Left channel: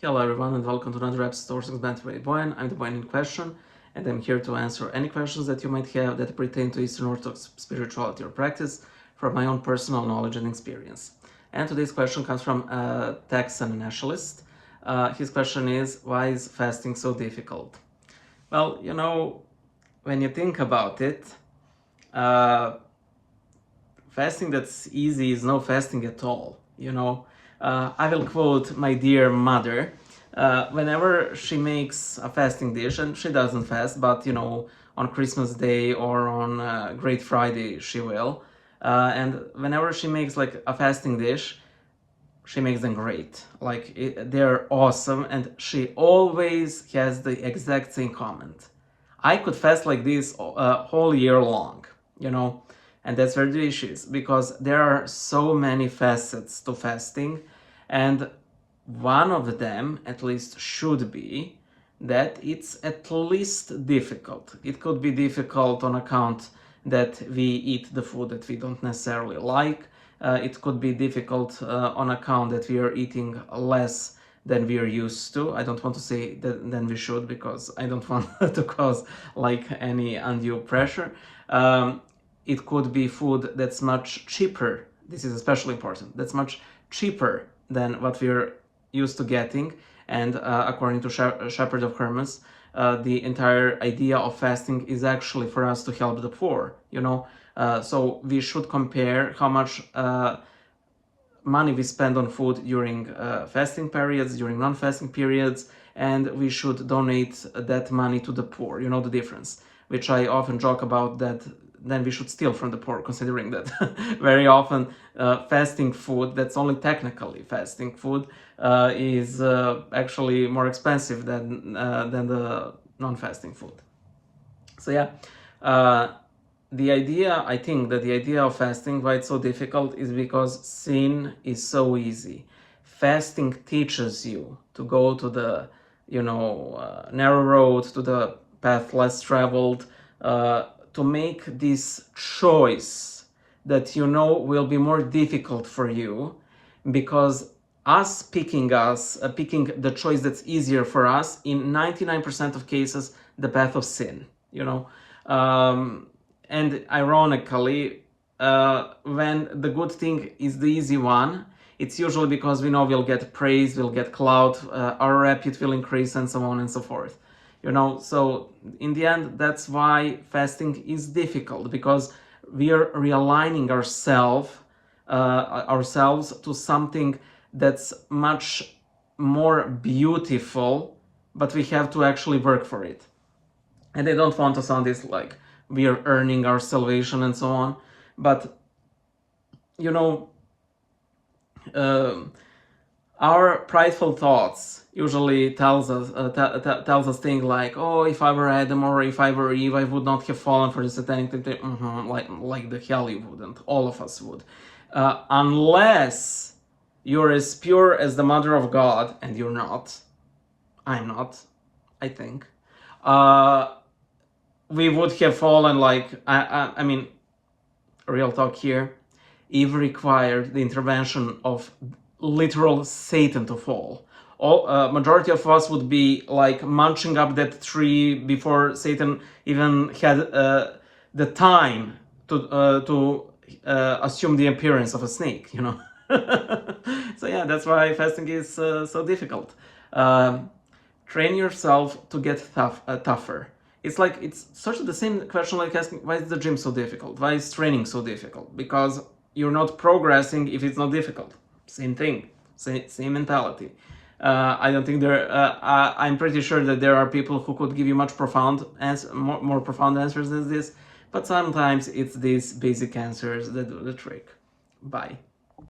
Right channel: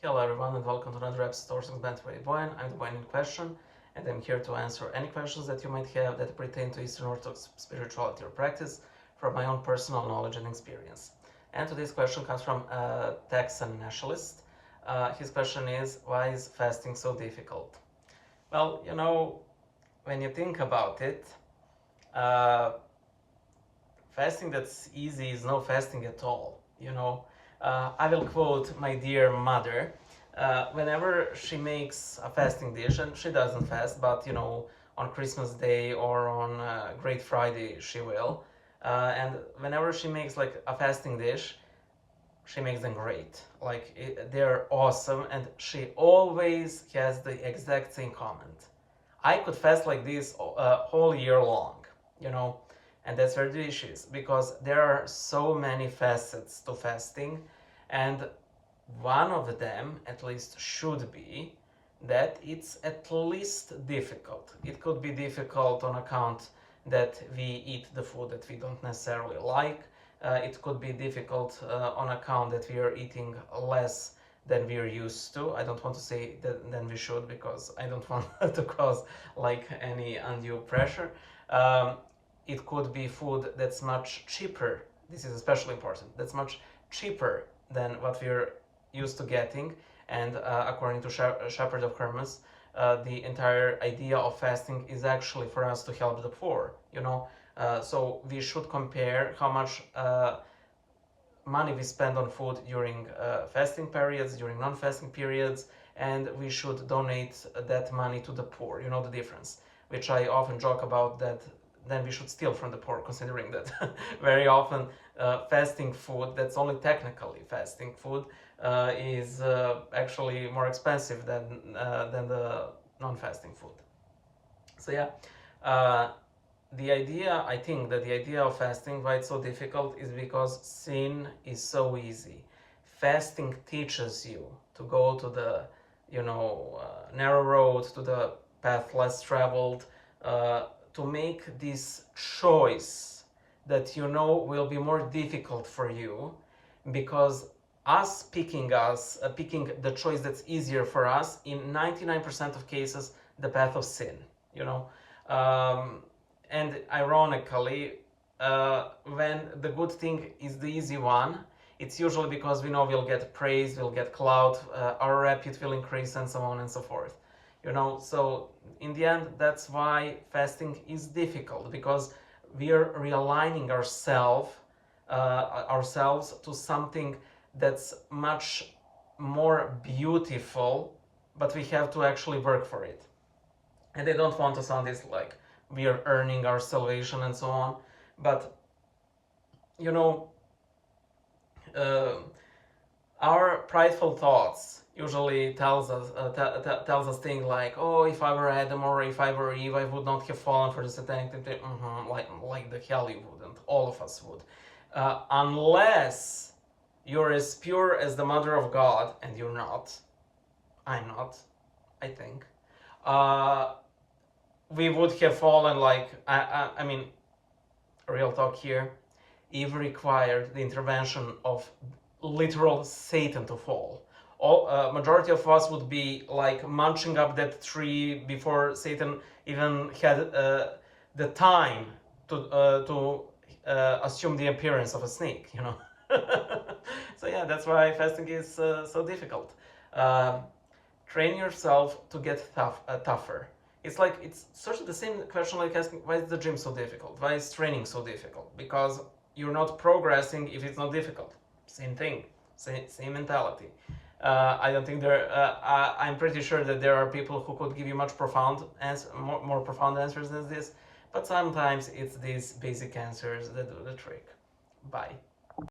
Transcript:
Hello everyone and welcome to another episode of Sourcing Band with Boyan. I'm the Boyan in question and I'm here to answer any questions that you might have that pertain to Eastern Orthodox spirituality or practice from my own personal knowledge and experience. And today's question comes from Texan nationalist. His question is, why is fasting so difficult? Well, when you think about it, uh, fasting that's easy is no fasting at all. I will quote my dear mother. Whenever she makes a fasting dish, and she doesn't fast, but on Christmas Day or on Great Friday she will. And whenever she makes like a fasting dish, she makes them great. They're awesome, and she always has the exact same comment. I could fast like this whole year long, you know, and that's very delicious because there are so many facets to fasting, and one of them, at least, should be that it's at least difficult. It could be difficult on account that we eat the food that we don't necessarily like. It could be difficult on account that we are eating less than we are used to. I don't want to say that than we should because I don't want to cause like any undue pressure. It could be food that's much cheaper. This is especially important. That's much cheaper than what we're used to getting. And according to Shepherd of Hermas, the entire idea of fasting is actually for us to help the poor, so we should compare how much money we spend on food during fasting periods, during non-fasting periods, and we should donate that money to the poor. You know the difference, which I often joke about, that then we should steal from the poor, considering that very often fasting food, that's only technically fasting food, is actually more expensive than the non-fasting food. So yeah, I think that the idea of fasting, why it's so difficult, is because sin is so easy. Fasting teaches you to go to the, narrow road, to the path less traveled, to make this choice that will be more difficult for you, because picking the choice that's easier for us, in 99% of cases, the path of sin, and ironically, when the good thing is the easy one, it's usually because we know we'll get praise, we'll get clout, our repute will increase, and so on and so forth. So in the end, that's why fasting is difficult, because we are realigning ourselves to something that's much more beautiful, but we have to actually work for it. And I don't want to sound this like we are earning our salvation and so on, but uh, our prideful thoughts usually tells us things like, oh, if I were Adam or if I were Eve, I would not have fallen for the satanic temptation. Like the hell you wouldn't. All of us would, unless you're as pure as the Mother of God, and you're not. I'm not, I think. We would have fallen. I mean, real talk here. Eve required the intervention of literal Satan to fall. Majority of us would be like munching up that tree before Satan even had the time to assume the appearance of a snake. So yeah, that's why fasting is so difficult. Train yourself to get tougher. It's sort of the same question like asking, why is the gym so difficult? Why is training so difficult? Because you're not progressing if it's not difficult. Same thing, same mentality. I don't think I'm pretty sure that there are people who could give you much more profound answers than this, but sometimes it's these basic answers that do the trick. Bye.